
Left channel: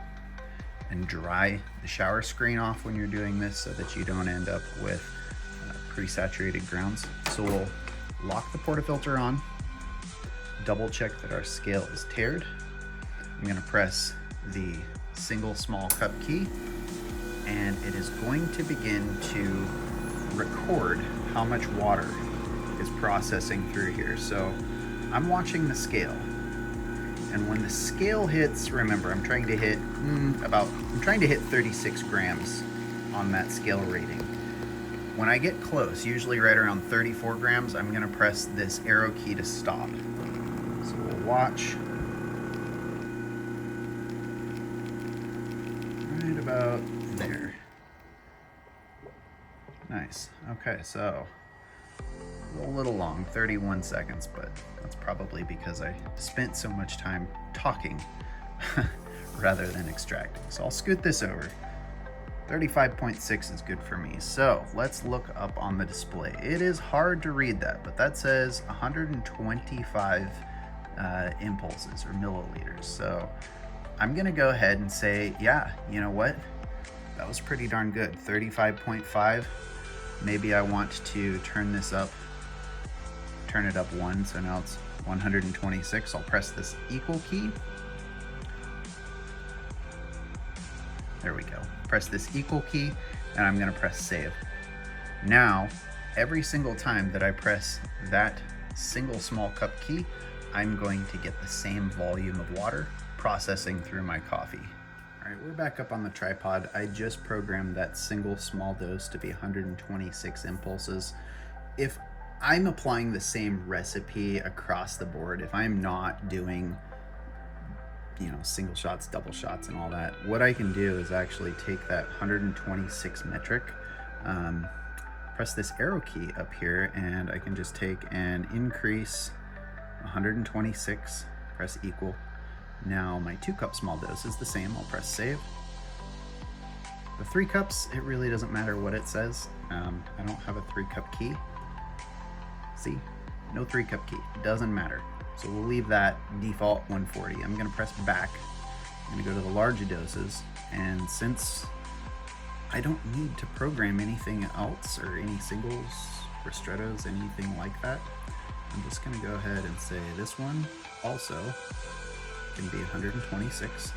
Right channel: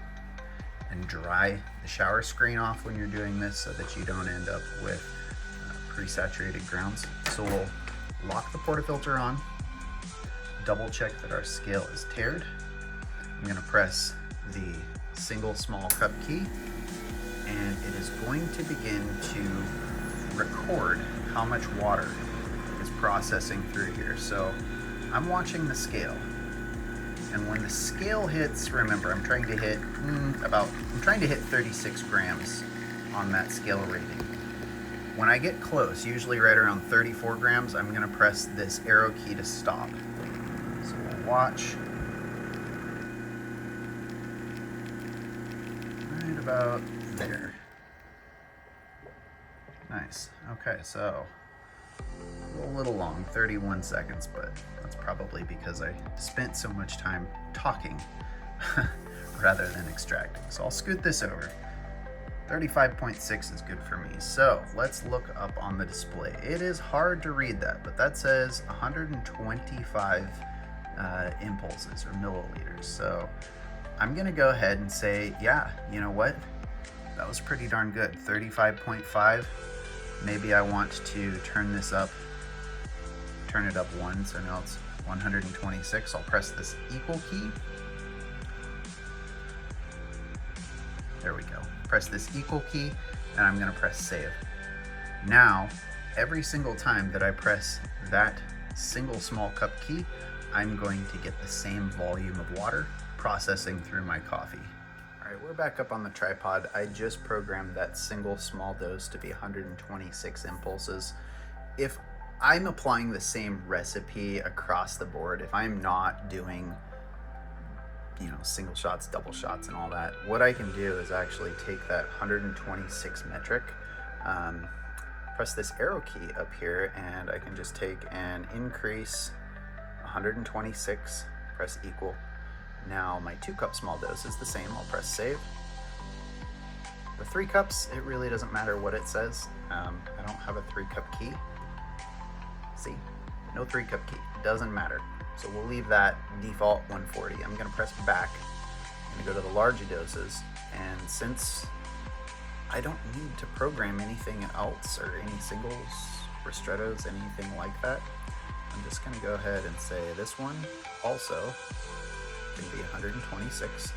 and dry the shower screen off when you're doing this so that you don't end up with pre-saturated grounds. So we'll lock the portafilter on, double check that our scale is taired. I'm gonna press the single small cup key, and it is going to begin to record how much water is processing through here. So I'm watching the scale, and when the scale hits, remember I'm trying to hit 36 grams on that scale rating. When I get close, usually right around 34 grams, I'm gonna press this arrow key to stop. So we'll watch. Right about there. Nice. Okay, so a little long, 31 seconds, but that's probably because I spent so much time talking rather than extracting. So I'll scoot this over. 35.6 is good for me. So let's look up on the display. It is hard to read that, but that says 125 impulses or milliliters. So I'm gonna go ahead and say, yeah, you know what? That was pretty darn good. 35.5. Maybe I want to turn it up one, so now it's 126. I'll press this equal key. There we go. Press this equal key, and I'm gonna press save. Now, every single time that I press that single small cup key, I'm going to get the same volume of water processing through my coffee. All right, we're back up on the tripod. I just programmed that single small dose to be 126 impulses. If I'm applying the same recipe across the board, if I'm not doing, you know, single shots, double shots, and all that, what I can do is actually take that 126 metric, press this arrow key up here, and I can just take and increase 126, press equal. Now my 2 cup small dose is the same. I'll press save. The 3 cups, it really doesn't matter what it says. I don't have a 3 cup key. See, no 3 cup key, doesn't matter. So we'll leave that default 140. I'm gonna press back. I'm gonna go to the larger doses, and since I don't need to program anything else or any singles, ristrettos, anything like that, I'm just gonna go ahead and say this one also can be 126,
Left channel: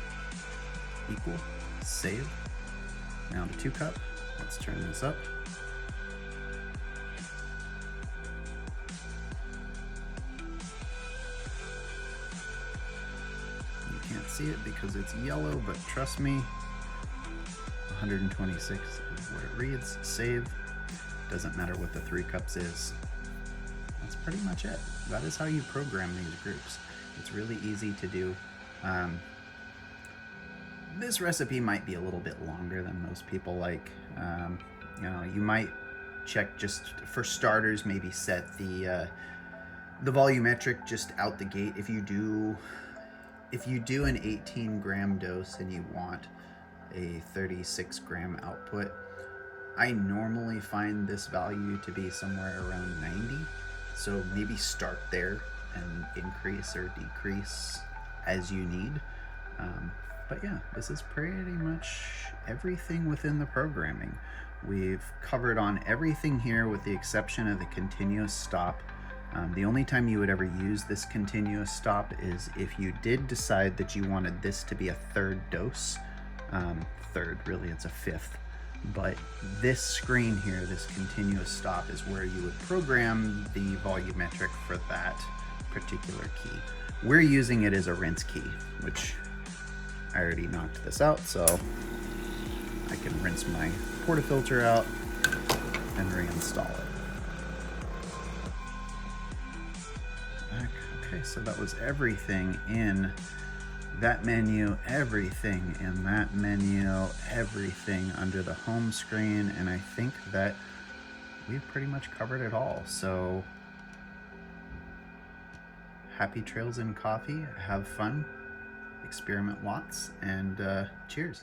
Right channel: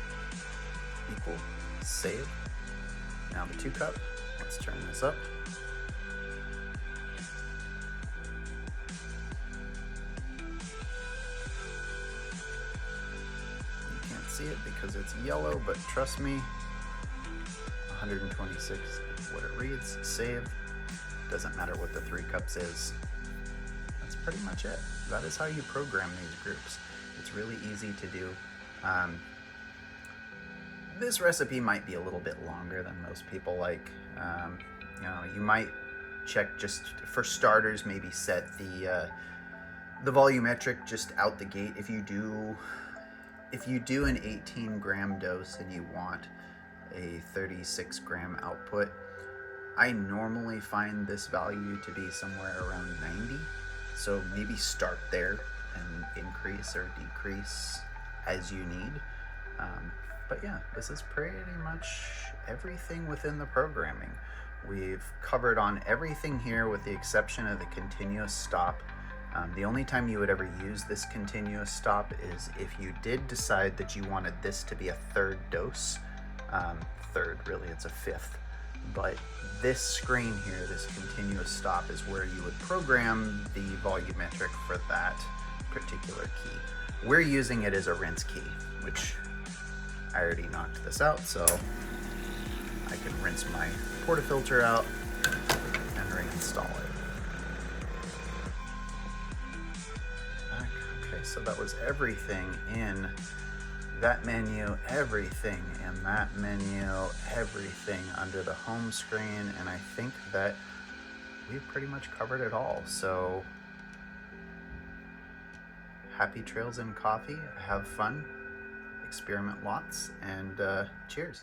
equal, save. Now the 2 cup, let's turn this up. See it because it's yellow, but trust me, 126 is what it reads. Save. Doesn't matter what the 3 cups is. That's pretty much it. That is how you program these groups. It's really easy to do. This recipe might be a little bit longer than most people like. You know, you might check, just for starters, maybe set the volumetric just out the gate. If you do an 18 gram dose and you want a 36 gram output, I normally find this value to be somewhere around 90. So maybe start there and increase or decrease as you need. But yeah, this is pretty much everything within the programming. We've covered on everything here with the exception of the continuous stop. The only time you would ever use this continuous stop is if you did decide that you wanted this to be a 3rd dose. Really it's a 5th. But this screen here, this continuous stop, is where you would program the volumetric for that particular key. We're using it as a rinse key, which I already knocked this out, so I can rinse my portafilter out and reinstall it. Okay, so that was everything in that menu, everything in that menu, everything under the home screen, and I think that we've pretty much covered it all. So happy trails in coffee, have fun, experiment lots, and cheers.